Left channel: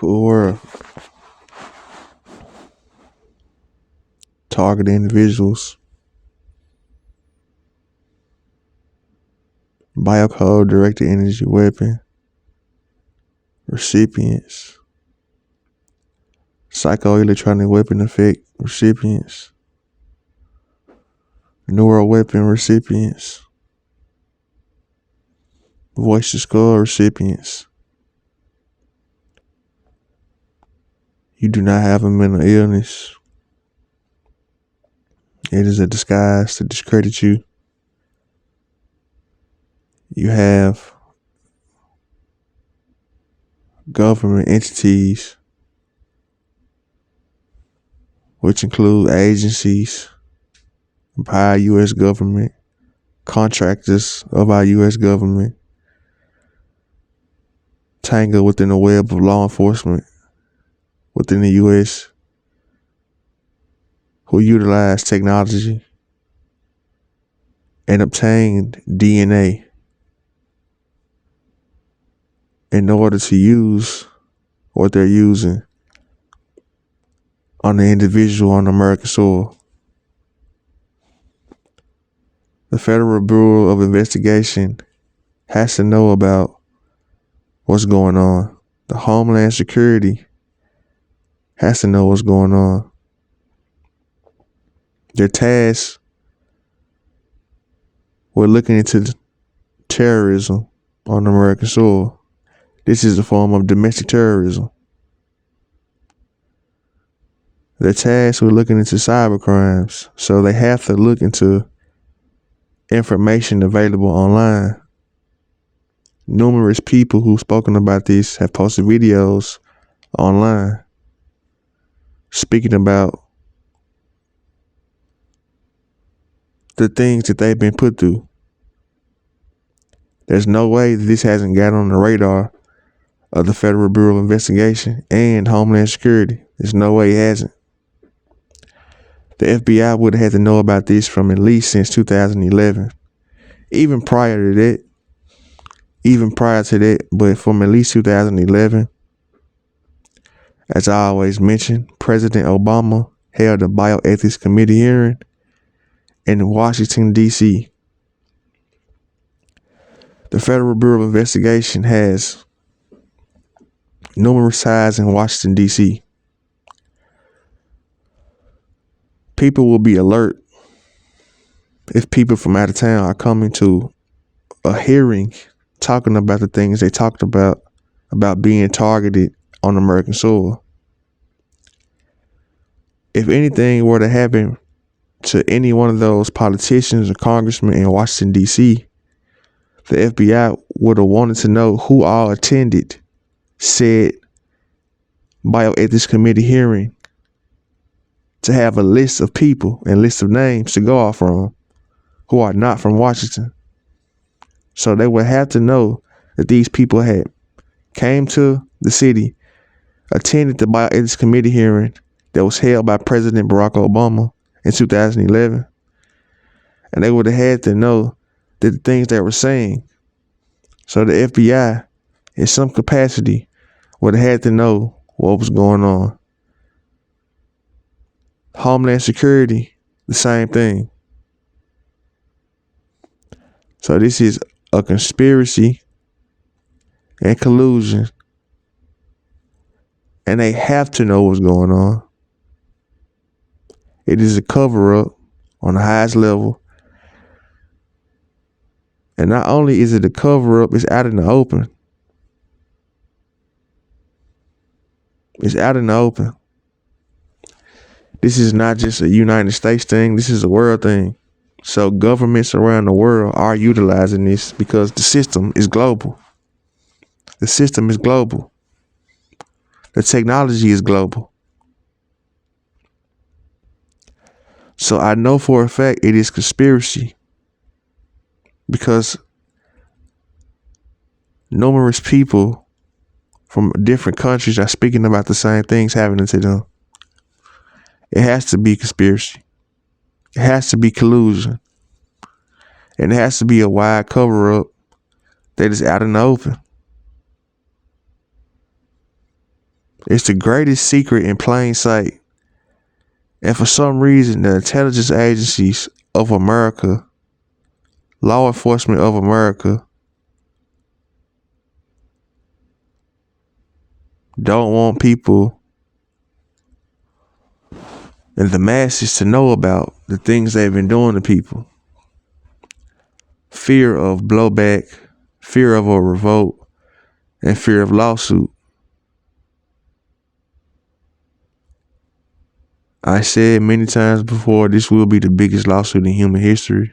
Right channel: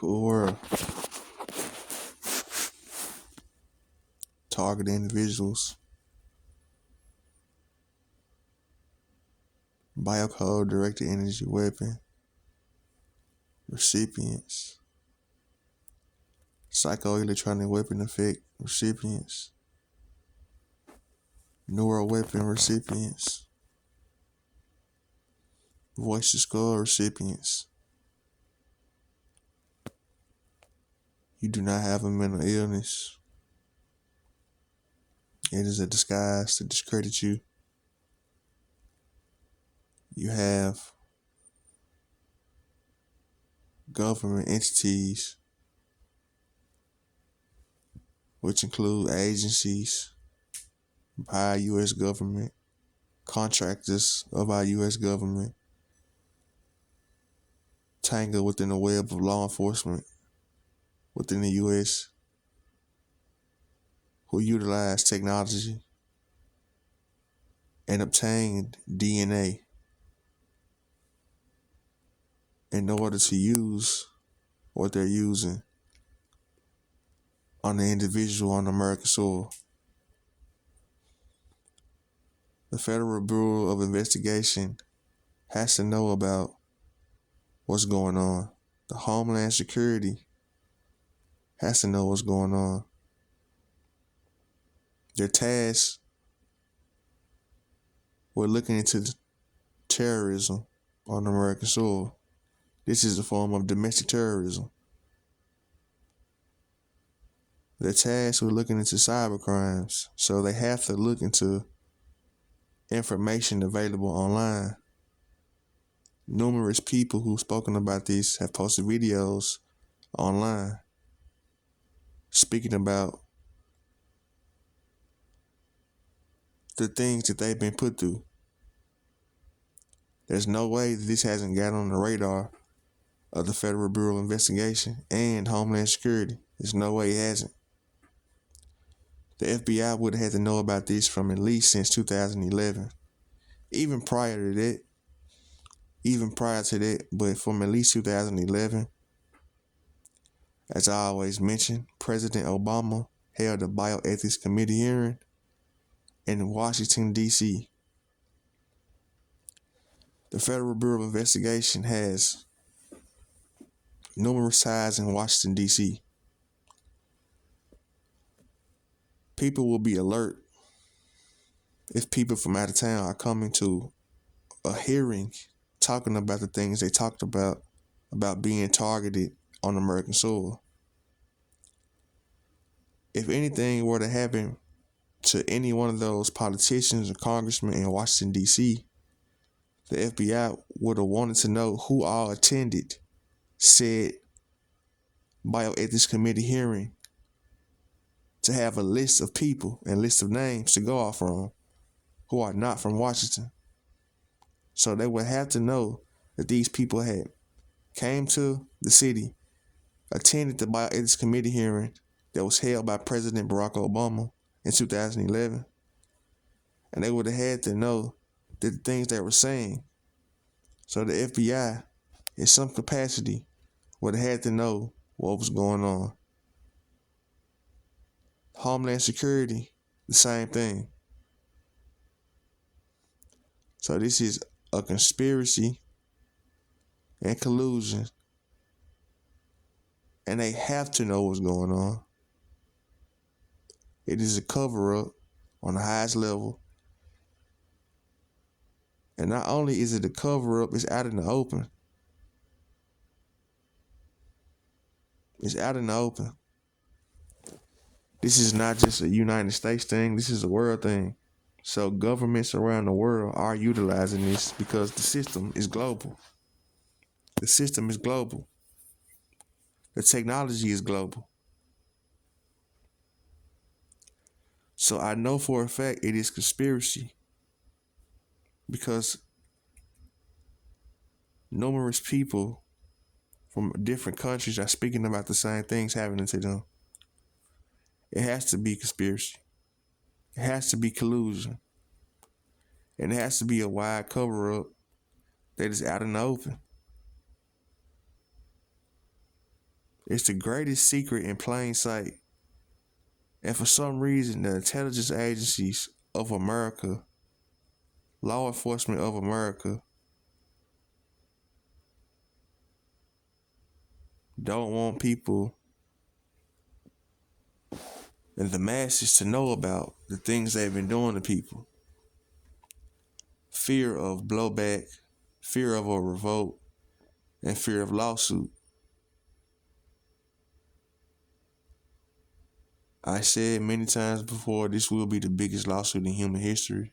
Cool world. Target individuals. Biocode directed energy weapon. Recipients. Psychoelectronic weapon effect recipients. Neural weapon recipients. Voice to skull recipients. You do not have a mental illness. It is a disguise to discredit you. You have government entities, which include agencies by our U.S. government, contractors of our U.S. government, tangled within the web of law enforcement within the U.S. who utilize technology and obtained DNA in order to use what they're using on the individual on American soil. The Federal Bureau of Investigation has to know about what's going on. The Homeland Security has to know what's going on. Their task with looking into terrorism on American soil. This is a form of domestic terrorism. They're tasked with looking into cyber crimes, so they have to look into information available online. Numerous people who've spoken about this have posted videos online speaking about the things that they've been put through. There's no way that this hasn't gotten on the radar of the Federal Bureau of Investigation and Homeland Security. There's no way it hasn't. The FBI would have had to know about this from at least since 2011. Even prior to that, but from at least 2011. As I always mention, President Obama held a bioethics committee hearing in Washington, D.C. The Federal Bureau of Investigation has numerous ties in Washington, D.C. People will be alert if people from out of town are coming to a hearing talking about the things they talked about being targeted on American soil. If anything were to happen to any one of those politicians or congressmen in Washington, D.C., the FBI would have wanted to know who all attended said bioethics committee hearing to have a list of people and list of names to go off from who are not from Washington. So they would have to know that these people had came to the city, attended the bioethics committee hearing that was held by President Barack Obama in 2011. And they would have had to know that the things they were saying. So the FBI, in some capacity, would have had to know what was going on. Homeland Security, the same thing. So this is a conspiracy and collusion. And they have to know what's going on. It is a cover-up on the highest level. And not only is it a cover-up, it's out in the open. It's out in the open. This is not just a United States thing. This is a world thing. So governments around the world are utilizing this because the system is global. The system is global. The technology is global. So I know for a fact it is conspiracy because numerous people from different countries are speaking about the same things happening to them. It has to be conspiracy. It has to be collusion. And it has to be a wide cover-up that is out in the open. It's the greatest secret in plain sight. And for some reason, the intelligence agencies of America, law enforcement of America, don't want people and the masses to know about the things they've been doing to people. Fear of blowback, fear of a revolt, and fear of lawsuit. I said many times before, this will be the biggest lawsuit in human history.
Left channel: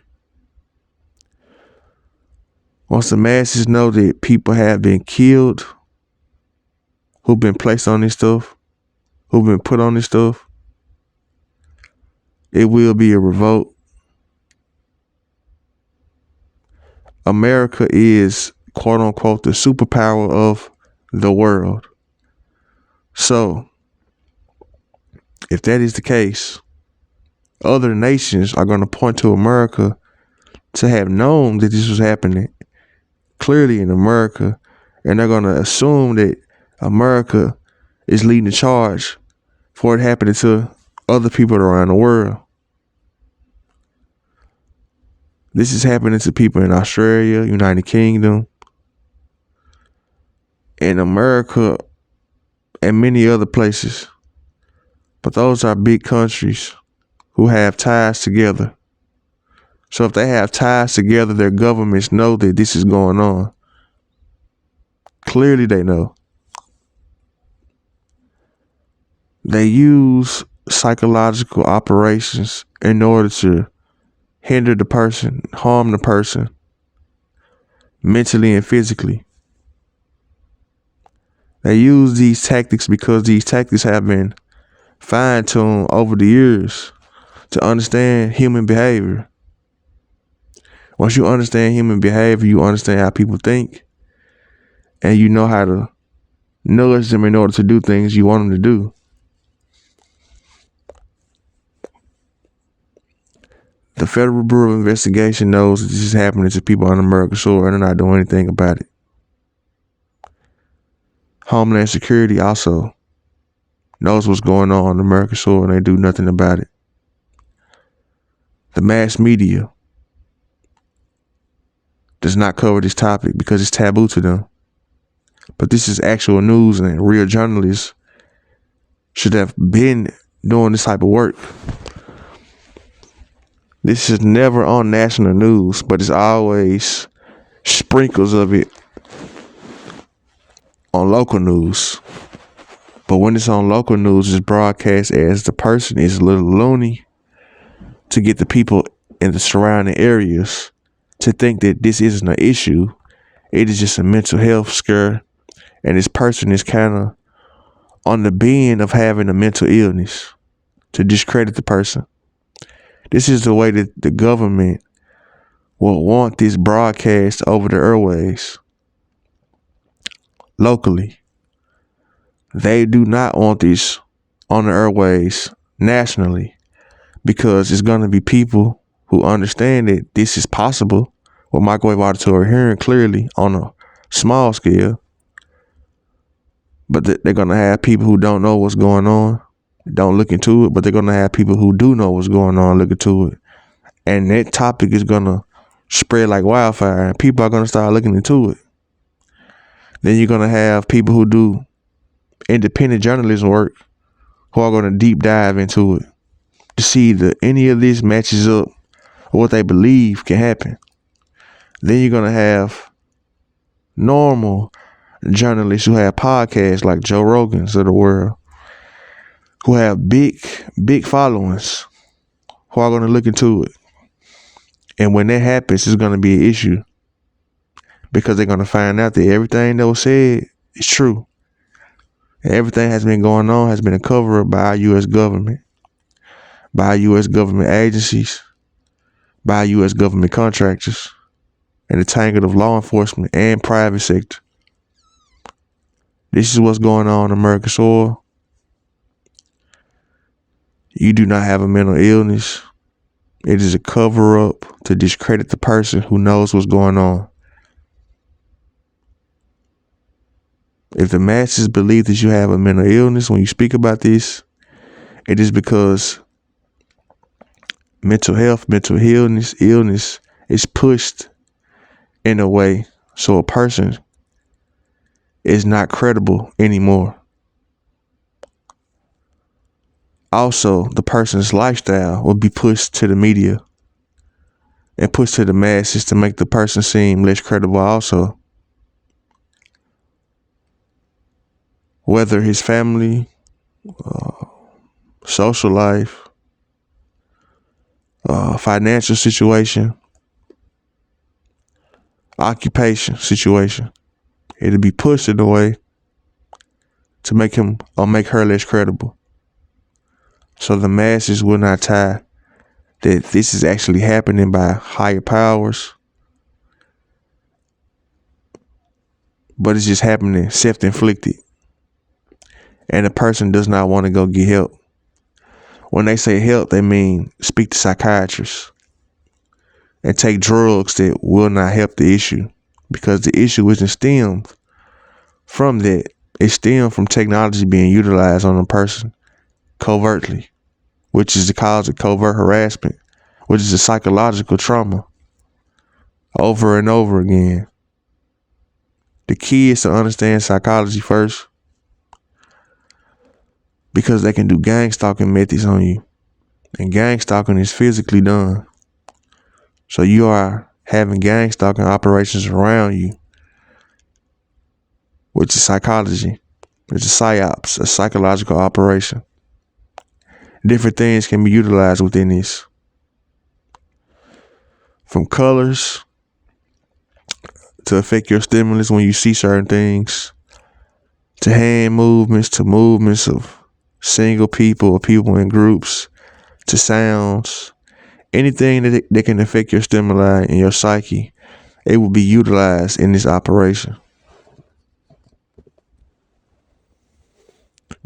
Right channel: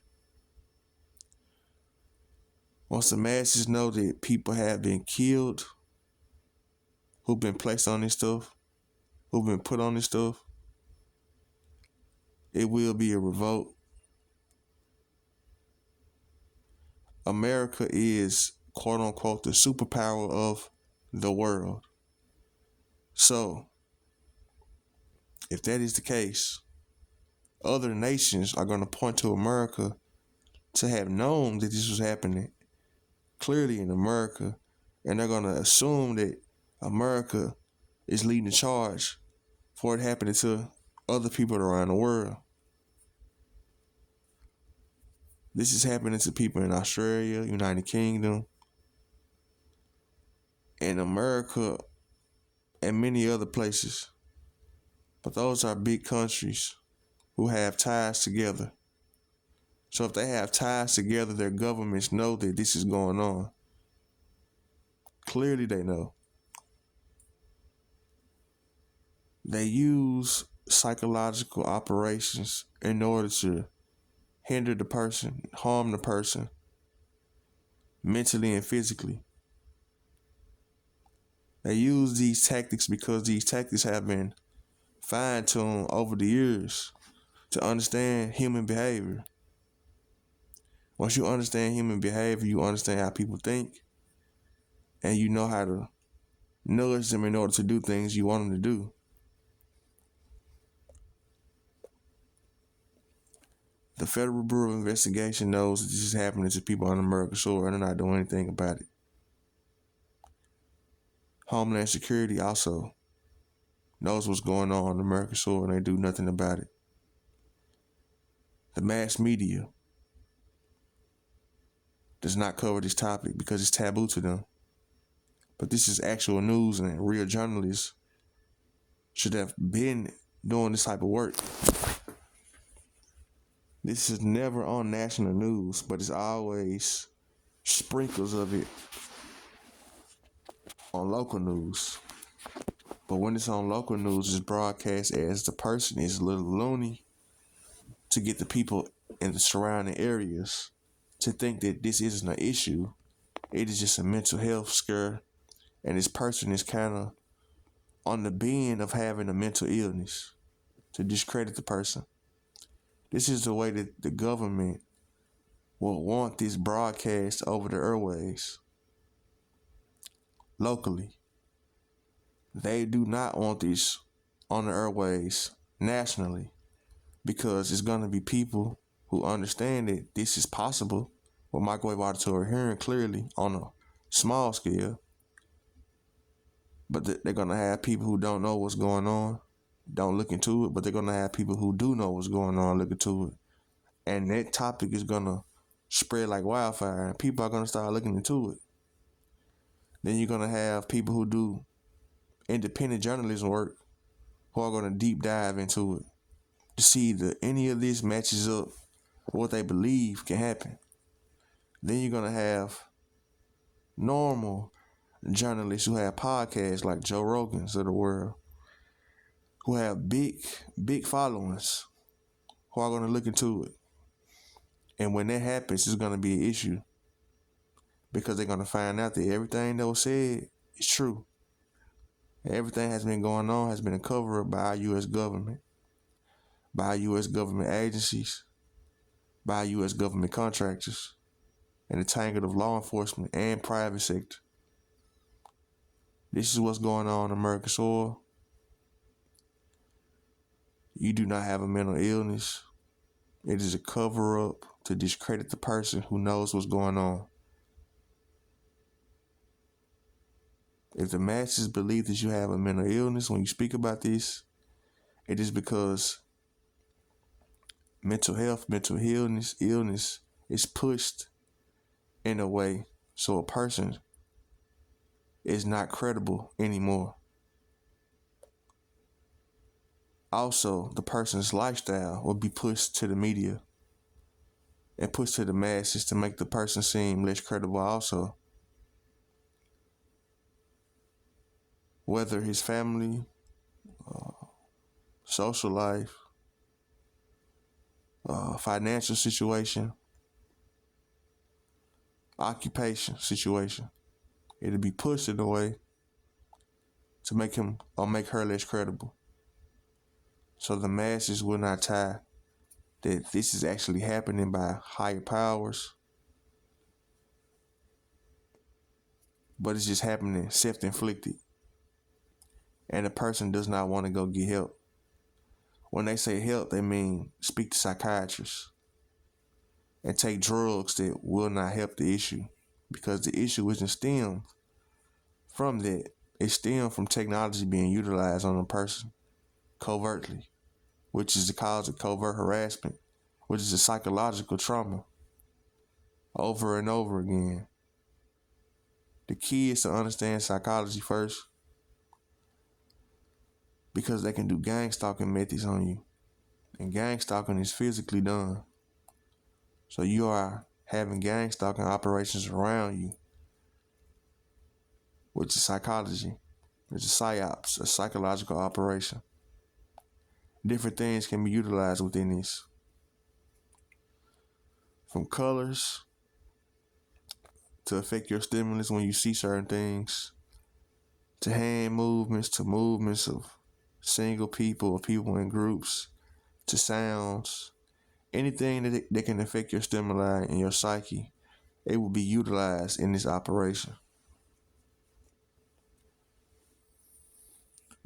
Once the masses know that people have been killed, who've been placed on this stuff, who've been put on this stuff, it will be a revolt. America is, quote unquote, the superpower of the world. So, if that is the case, other nations are going to point to America to have known that this was happening clearly in America, and they're going to assume that America is leading the charge for it happening to other people around the world. This is happening to people in Australia, United Kingdom, in America, and many other places. But those are big countries who have ties together. So if they have ties together, their governments know that this is going on. Clearly they know. They use psychological operations in order to hinder the person, harm the person, mentally and physically. They use these tactics because these tactics have been fine-tuned over the years to understand human behavior. Once you understand human behavior, you understand how people think, and you know how to nudge them in order to do things you want them to do. The Federal Bureau of Investigation knows that this is happening to people on American soil, and they're not doing anything about it. Homeland Security also knows what's going on American soil, and they do nothing about it. The mass media does not cover this topic because it's taboo to them. But this is actual news, and real journalists should have been doing this type of work. This is never on national news, but it's always sprinkles of it on local news. But when it's on local news, it's broadcast as the person is a little loony to get the people in the surrounding areas to think that this isn't an issue. It is just a mental health scare, and this person is kind of on the bend of having a mental illness to discredit the person. This is the way that the government will want this broadcast over the airwaves locally. They do not want this on the airwaves nationally because it's going to be people who understand that this is possible with microwave auditory hearing clearly on a small scale. But they're going to have people who don't know what's going on, don't look into it, but they're going to have people who do know what's going on look into it. And that topic is going to spread like wildfire, and people are going to start looking into it. Then you're going to have people who do independent journalism work who are going to deep dive into it to see that any of this matches up with what they believe can happen. Then you're going to have normal journalists who have podcasts like Joe Rogan's of the world, who have big followings, who are going to look into it. And when that happens, it's going to be an issue because they're going to find out that everything that was said is true. And everything has been going on has been a cover-up by our U.S. government, by our U.S. government agencies, by our U.S. government contractors, and the tangle of law enforcement and private sector. This is what's going on American soil. You do not have a mental illness. It is a cover-up to discredit the person who knows what's going on. If the masses believe that you have a mental illness when you speak about this, it is because mental health, mental illness is pushed in a way so a person is not credible anymore. Also, the person's lifestyle will be pushed to the media and pushed to the masses to make the person seem less credible also. Whether his family, social life, financial situation, occupation situation, it'll be pushed in a way to make him or make her less credible. So the masses will not tie that this is actually happening by higher powers, but it's just happening self-inflicted. And the person does not want to go get help. When they say help, they mean speak to psychiatrists and take drugs that will not help the issue, because the issue isn't stemmed from that. It stemmed from technology being utilized on a person covertly, which is the cause of covert harassment, which is a psychological trauma over and over again. The key is to understand psychology first, because they can do gang stalking methods on you. And gang stalking is physically done. So you are having gang stalking operations around you, which is psychology. It's a psyops, a psychological operation. Different things can be utilized within this. From colors to affect your stimulus when you see certain things, to hand movements, to movements of single people or people in groups, to sounds, anything that can affect your stimuli and your psyche, it will be utilized in this operation.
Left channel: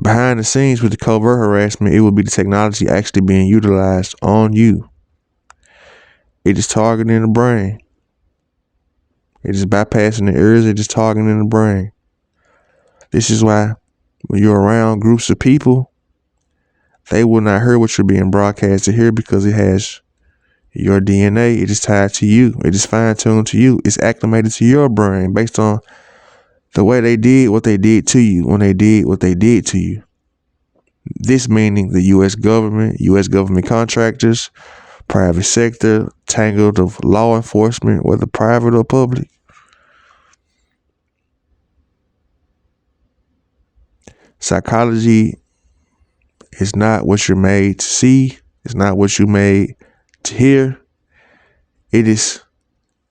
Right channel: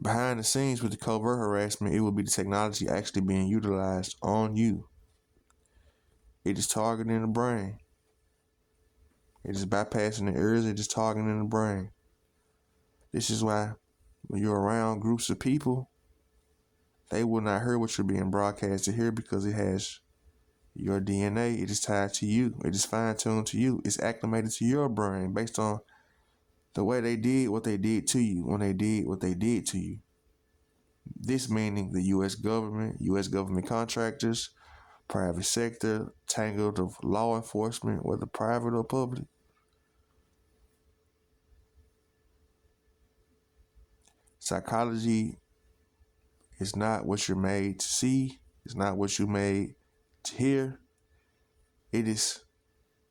Behind the scenes with the covert harassment, it will be the technology actually being utilized on you. It is targeting the brain. It is bypassing the ears. It is targeting the brain. This is why when you're around groups of people, they will not hear what you're being broadcasted here, because it has your DNA. It is tied to you. It is fine-tuned to you. It's acclimated to your brain based on the way they did what they did to you when they did what they did to you. This meaning the U.S. government contractors, private sector, tangled of law enforcement, whether private or public. Psychology is not what you're made to see. It's not what you're made to hear. It is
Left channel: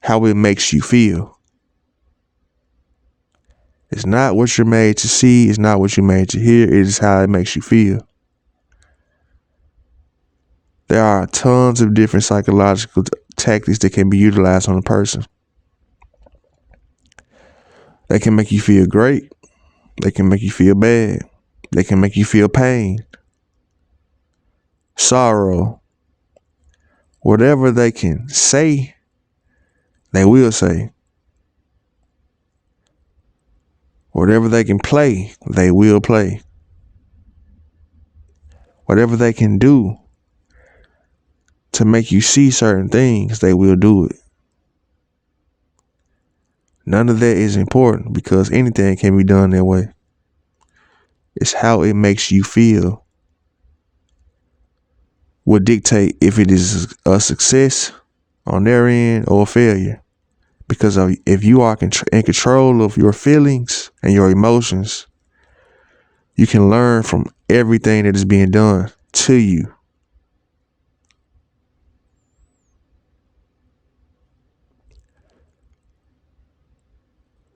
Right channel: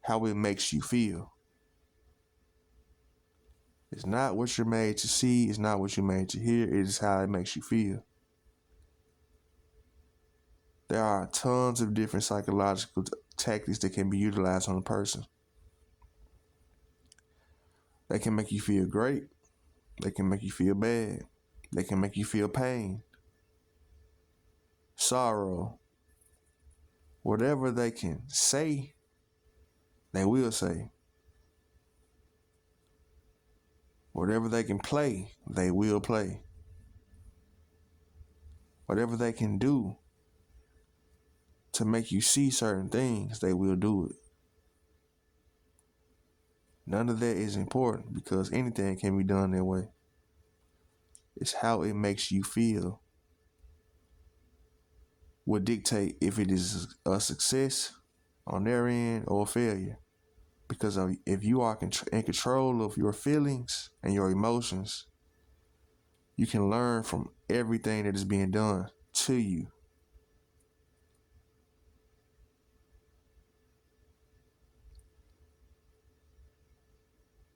how it makes you feel. It's not what you're made to see. It's not what you're made to hear. It is how it makes you feel. There are tons of different psychological tactics that can be utilized on a person. They can make you feel great. They can make you feel bad. They can make you feel pain, sorrow. Whatever they can say, they will say. Whatever they can play, they will play. Whatever they can do to make you see certain things, they will do it. None of that is important, because anything can be done that way. It's how it makes you feel will dictate if it is a success on their end or a failure. Because if you are in control of your feelings and your emotions, you can learn from everything that is being done to you.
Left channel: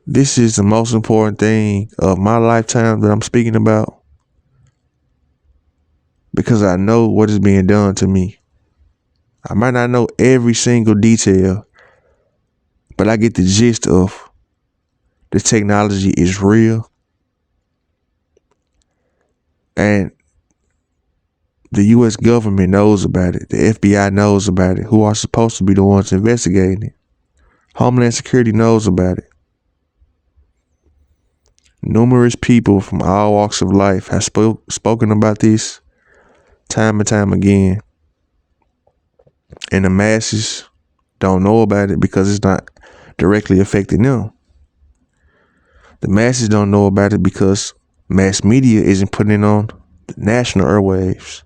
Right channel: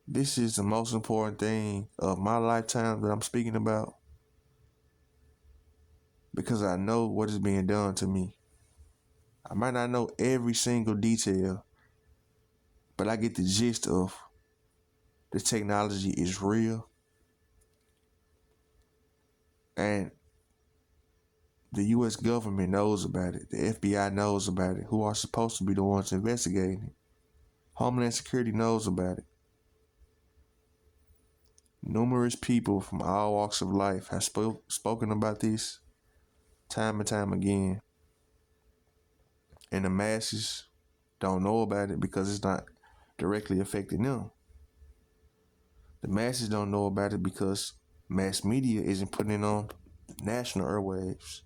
This is the most important thing of my lifetime that I'm speaking about, because I know what is being done to me. I might not know every single detail, but I get the gist of the technology is real. And the U.S. government knows about it. The FBI knows about it, who are supposed to be the ones investigating it. Homeland Security knows about it. Numerous people from all walks of life have spoken about this time and time again. And the masses don't know about it because it's not directly affecting them. The masses don't know about it because mass media isn't putting it on the national airwaves.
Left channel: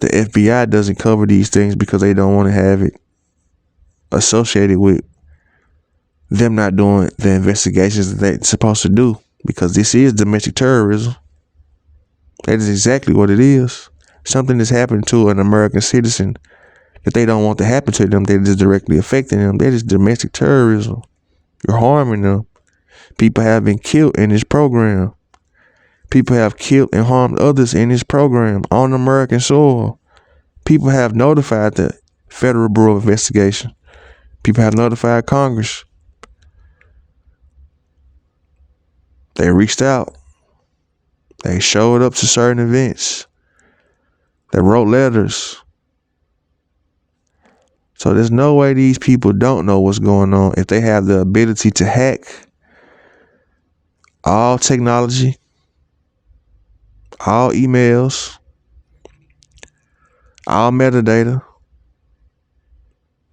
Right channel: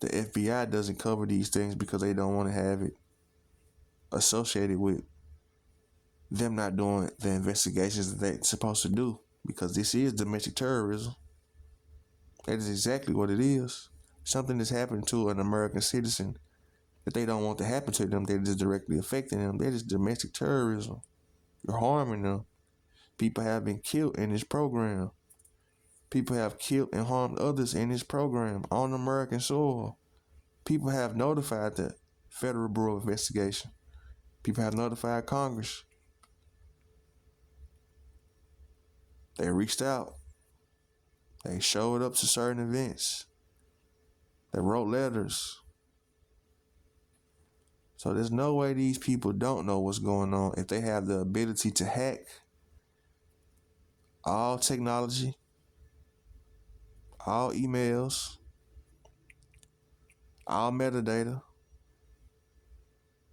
The FBI doesn't cover these things because they don't want to have it associated with them not doing the investigations that they're supposed to do, because this is domestic terrorism. That is exactly what it is. Something that's happened to an American citizen that they don't want to happen to them, that is directly affecting them. That is domestic terrorism. You're harming them. People have been killed in this program. People have killed and harmed others in this program on American soil. People have notified the Federal Bureau of Investigation. People have notified Congress. They reached out. They showed up to certain events. They wrote letters. So there's no way these people don't know what's going on if they have the ability to hack all technology, all emails, all metadata,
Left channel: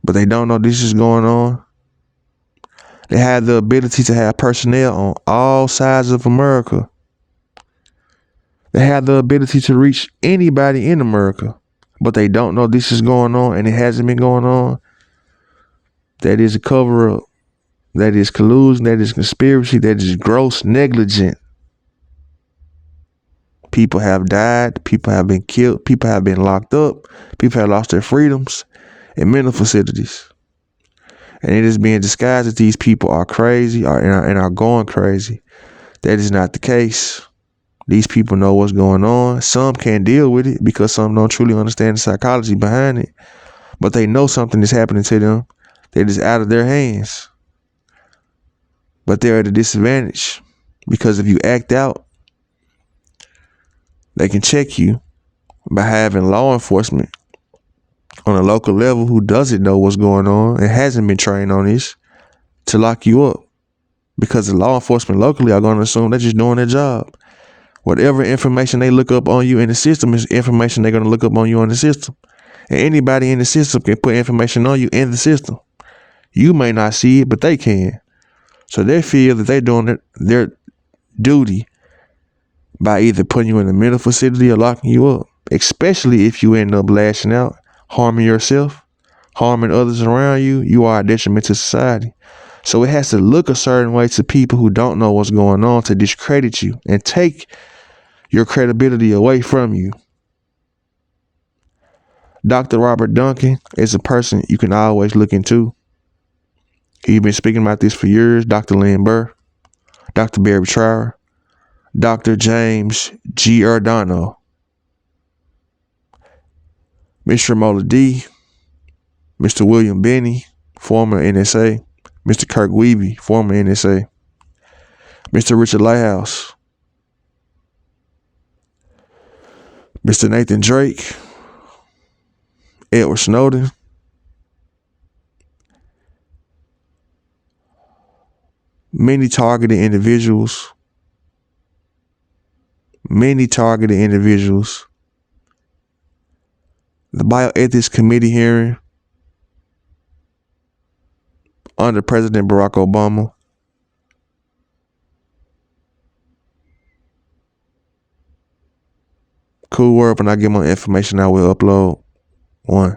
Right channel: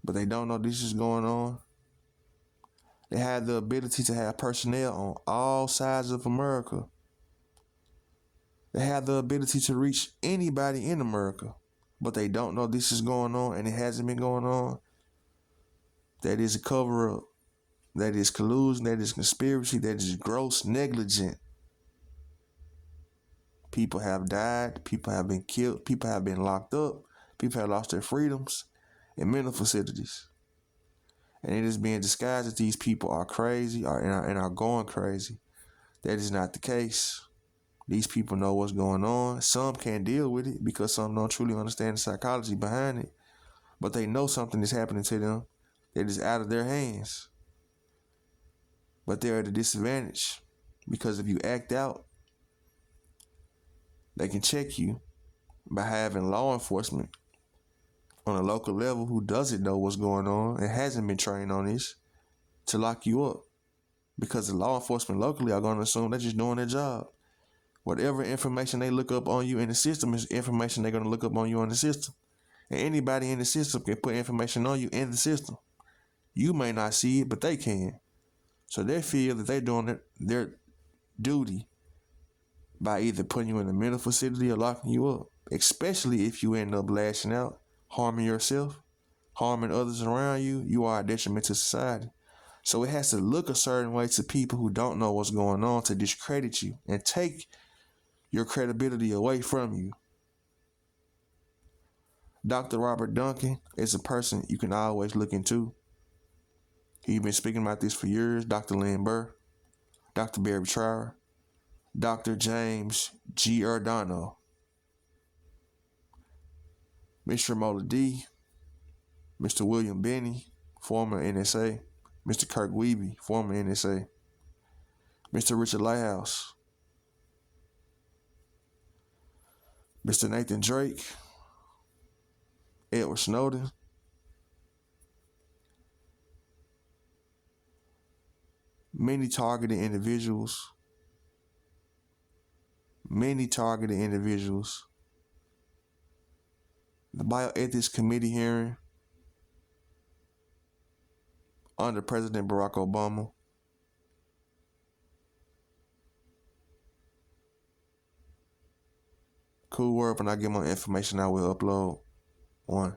but they don't know this is going on. They have the ability to have personnel on all sides of America. They have the ability to reach anybody in America, but they don't know this is going on and it hasn't been going on. That is a cover-up. That is collusion. That is conspiracy. That is gross negligence. People have died. People have been killed. People have been locked up. People have lost their freedoms in mental facilities. And it is being disguised that these people are crazy and are going crazy. That is not the case. These people know what's going on. Some can't deal with it because some don't truly understand the psychology behind it. But they know something is happening to them that is out of their hands. But they're at a disadvantage because if you act out, they can check you by having law enforcement on a local level who doesn't know what's going on and hasn't been trained on this to lock you up. Because the law enforcement locally are going to assume they're just doing their job. Whatever information they look up on you in the system is information they're going to look up on you on the system. And anybody in the system can put information on you in the system. You may not see it, but they can. So they feel that they're doing their duty by either putting you in a mental facility or locking you up, especially if you end up lashing out, harming yourself, harming others around you. You are a detriment to society. So it has to look a certain way to people who don't know what's going on to discredit you and take your credibility away from you. Dr. Robert Duncan is a person you can always look into. He's been speaking about this for years. Dr. Lynn Burr, Dr. Barry Trower, Dr. James Giordano, Mr. Mola D, Mr. William Benny, former NSA, Mr. Kirk Wiebe, former NSA, Mr. Richard Lighthouse, Mr. Nathan Drake, Edward Snowden, many targeted individuals. The Bioethics Committee hearing under President Barack Obama. Cool World, when I get more information, I will upload one.